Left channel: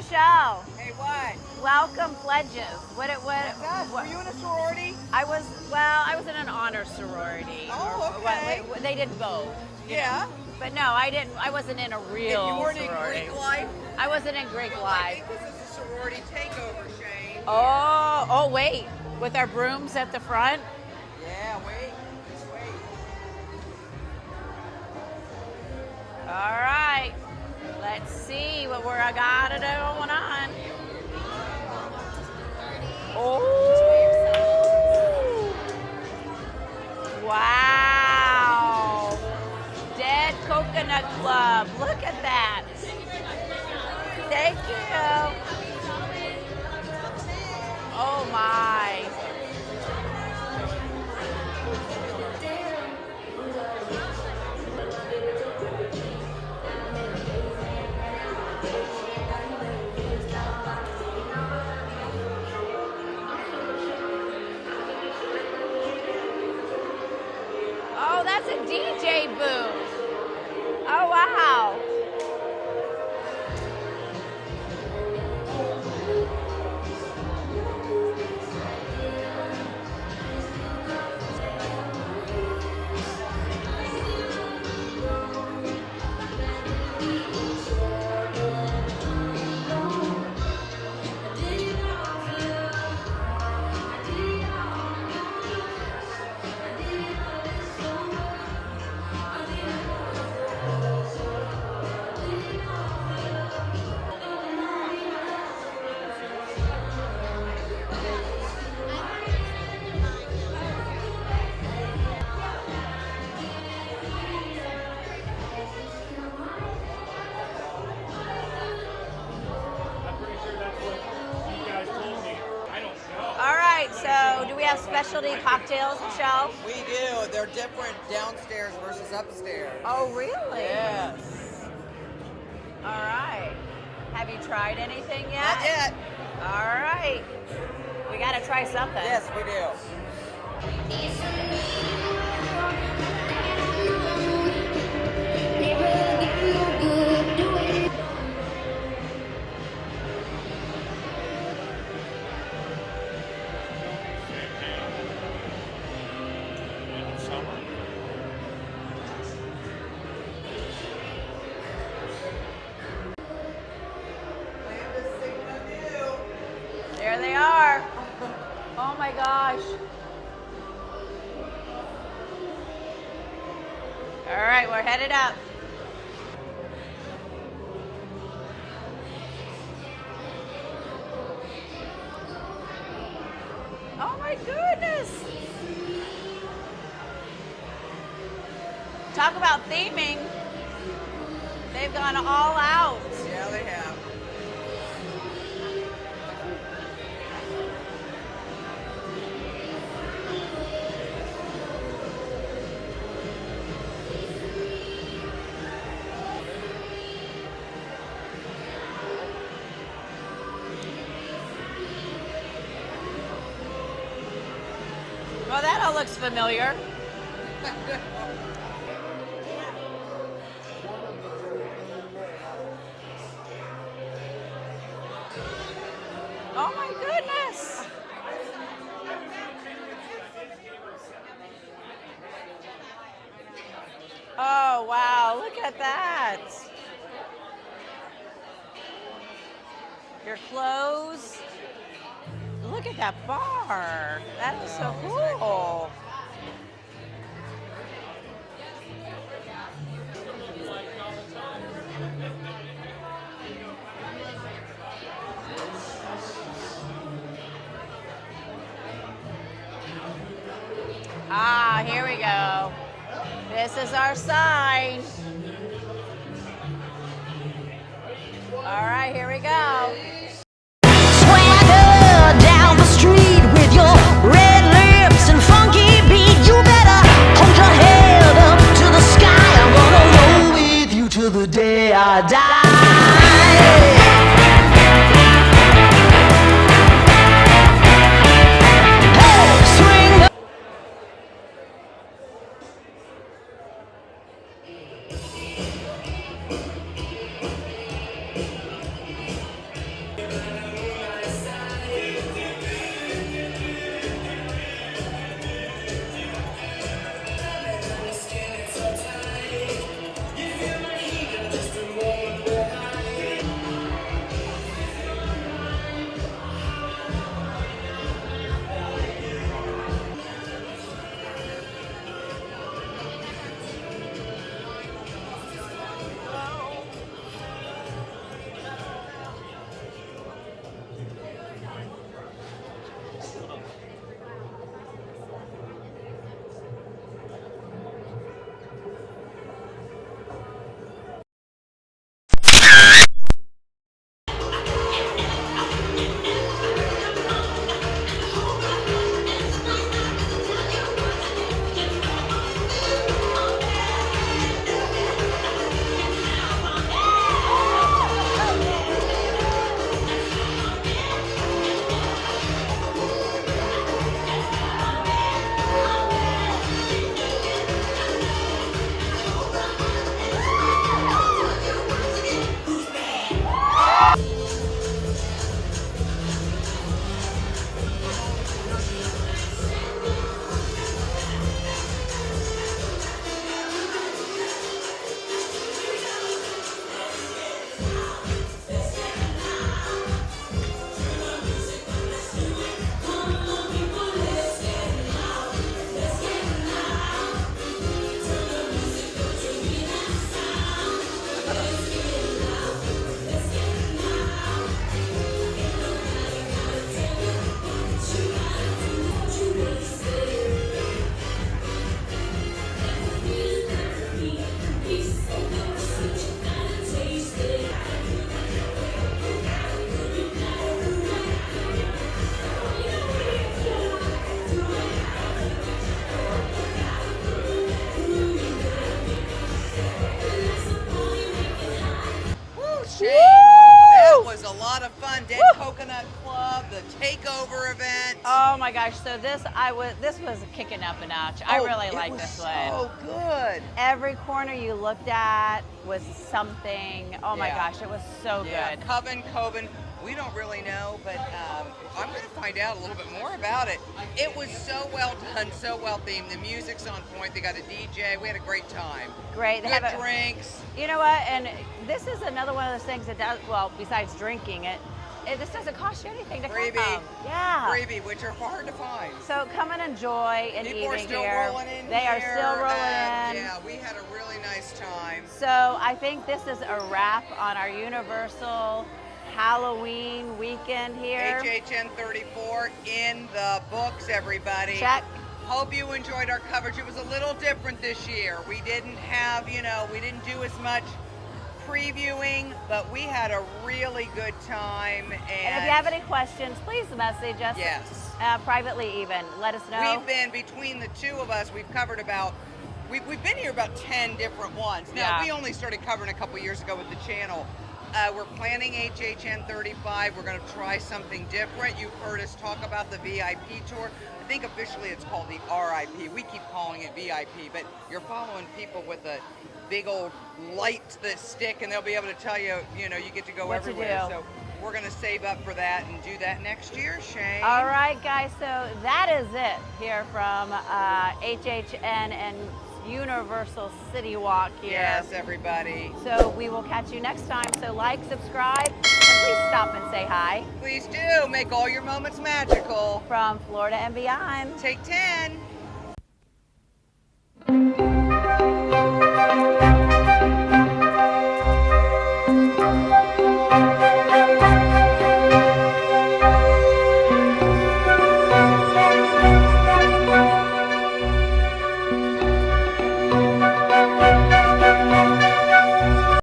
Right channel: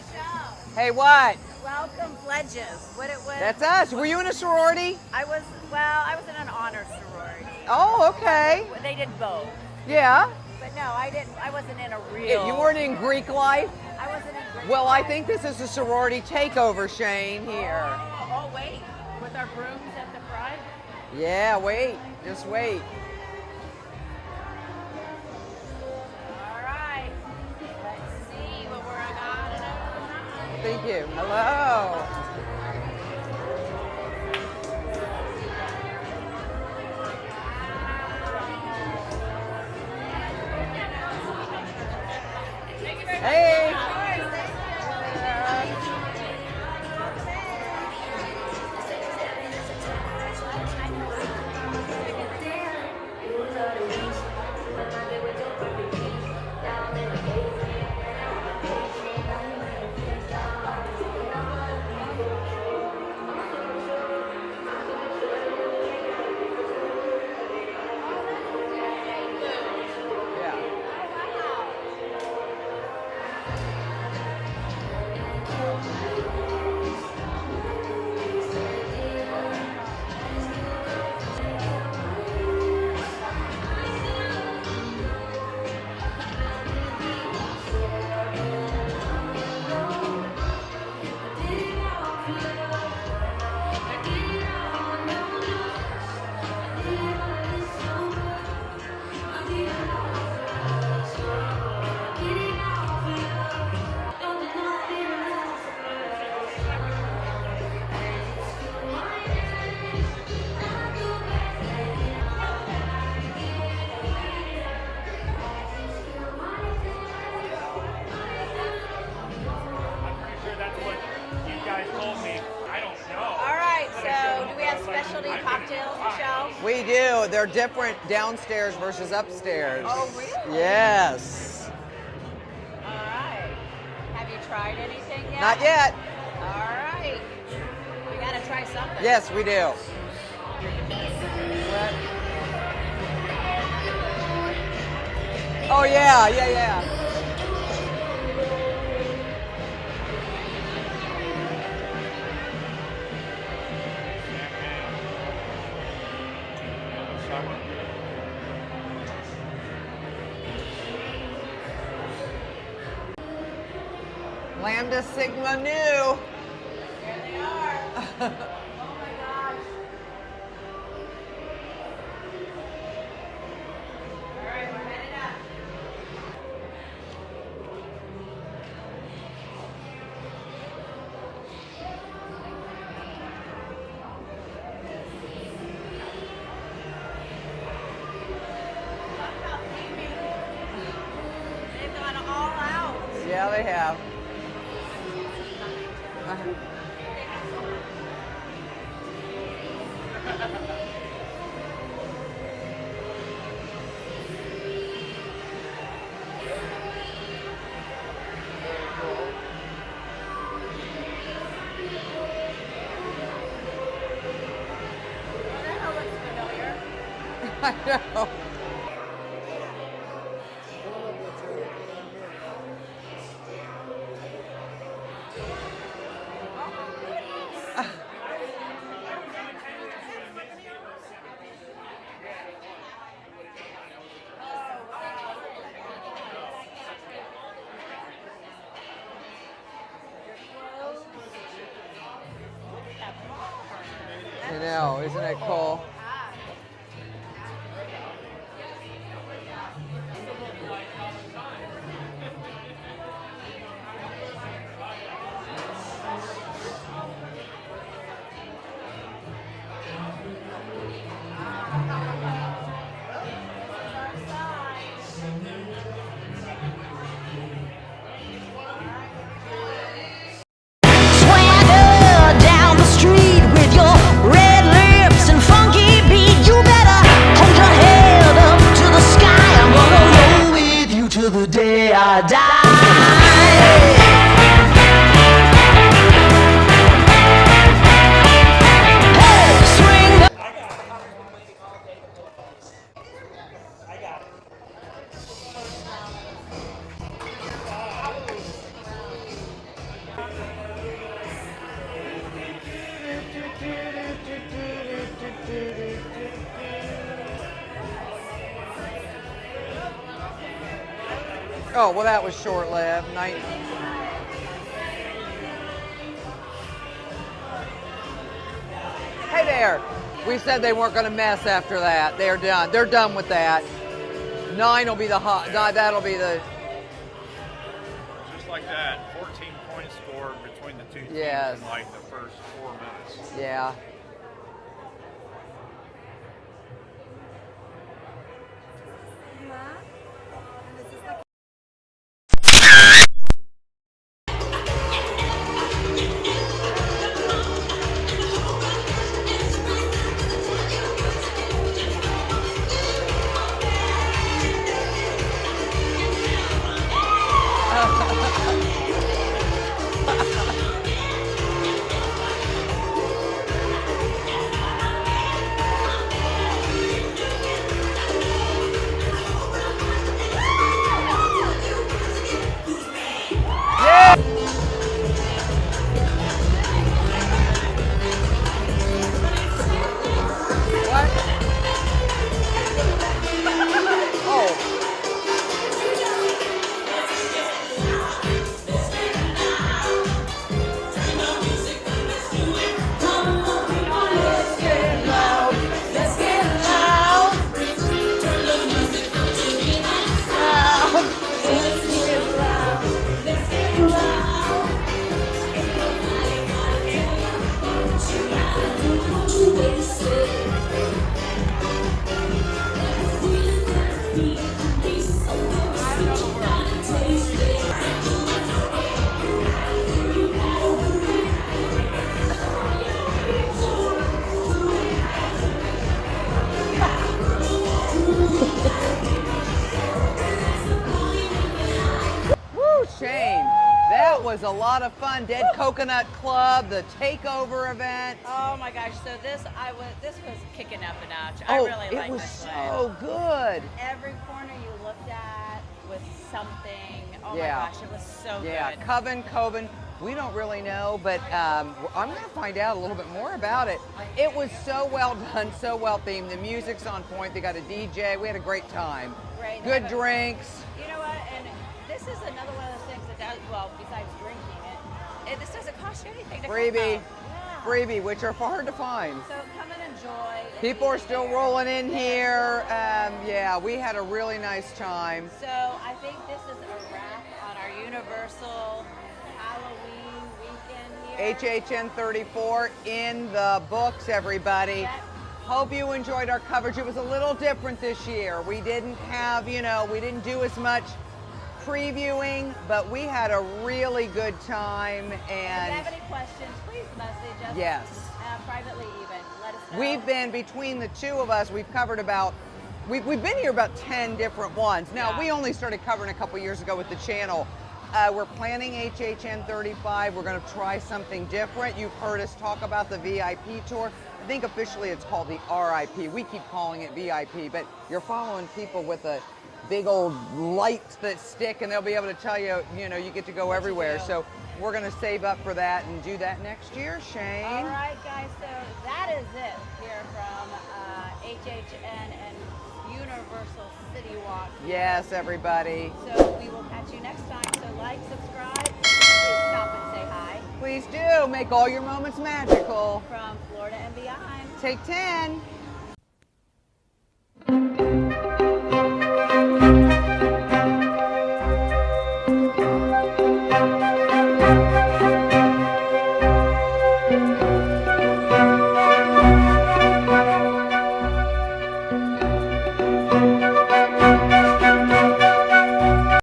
the show. Hey, what? Welcome, pledges. That's us. Were you in a sorority? I was in an honor sorority. Oh, okay. They did both. Yeah. But no, I didn't. I wasn't in a real. You weren't in sorority. Greek life? I wasn't in Greek Well, life. I think this is a sorority takeover, Shane. Oh, wait. With our brooms at the front? Yeah, wait. Just wait. All right. Let's see what we're got going on. Thank you. Hello. Oh. Wow. Dead Coconut Club. Look at that. Hey. Thank you. Oh, my. Oh, that's a DJ booth. Yeah. Oh, wow. All right, so do we have specialty cocktails, Michelle? We do. They're different downstairs versus upstairs. Oh, really? Yes. All right. Have you tried anything yet? Not yet. All right. We got to try something. Yes, we do. Oh, yeah, yeah. Lambda Sigma Nu. There they are. Oh my gosh. All right, we're headed up. Oh my goodness. Talk about theming. They've gone all out. Yeah, they have. Well, that all looks familiar. I know. Oh my goodness. Oh wow, look at that. Your clothes. Look at that bar. That is so cool. Isn't it cool? Ah, here we go. This is our sign. All right, here we go. Swagger down the street with your red lips and funky beat. You better hold your head up to the sky. I'm gonna roll with you till the day I die. Hey, swing the Oh, well, that was short-lived. Hey there. We said they weren't going to mess after that. They're done. They're done with that. 9 will be the hot. That'll be the. Just like that, 14-point score between the two teams Yes. in like the first 4 minutes. Yeah. That was a lot of fun. Dead Coconut Club, the takeover event. Oh my gosh! So this was kicking up a notch. I really liked this one. So good. Every corner you looked at was something. Oh my gosh, it was so good. Coven. We don't really know, but I'm going to find out a little bit more about it. It was so well done, so well themed. The music's on point. They got a DJ. We had a great time. Great. Good drinks. You know what? And this is another one of those things that does, well, besides drinking it, this doesn't cost you anything to come Freebie. from. Yeah. Freebie, which are hard to find. So come and enjoy. People are still here. rolling in they here. Are still rolling in. Yeah, we had a really nice time. So I think this is a wrap on our Universal Halloween weekend here. HHN34 in the books, everybody. Check. Hope you enjoyed our coverage. It was a little different this year. We didn't have, we didn't do as much previewing, but we had a really good time. And if you have any questions, please message us. Yes. Privately even. Let us know. We've been, between the two of us, we've covered we've been here about 10 different ones. Now, we only started covering a couple years ago with the channel. We're planning HHN35. We're going to try something different. You've heard us talk about the VIP tour. I think officially it's called the RIP. We keep calling it VIP, but you're following people with a big old light that stick, and they'll be able to tell you, you get to go everywhere. So we're going to save up for that and do that next year, Shane. All right, guys. So that is it here from HHN and Universal CityWalk here. Yes, everybody. So we will catch you next time. So like, subscribe, and please stop and say hi. Please do. Make all your moments magical. From Florida and beyond. Take 10.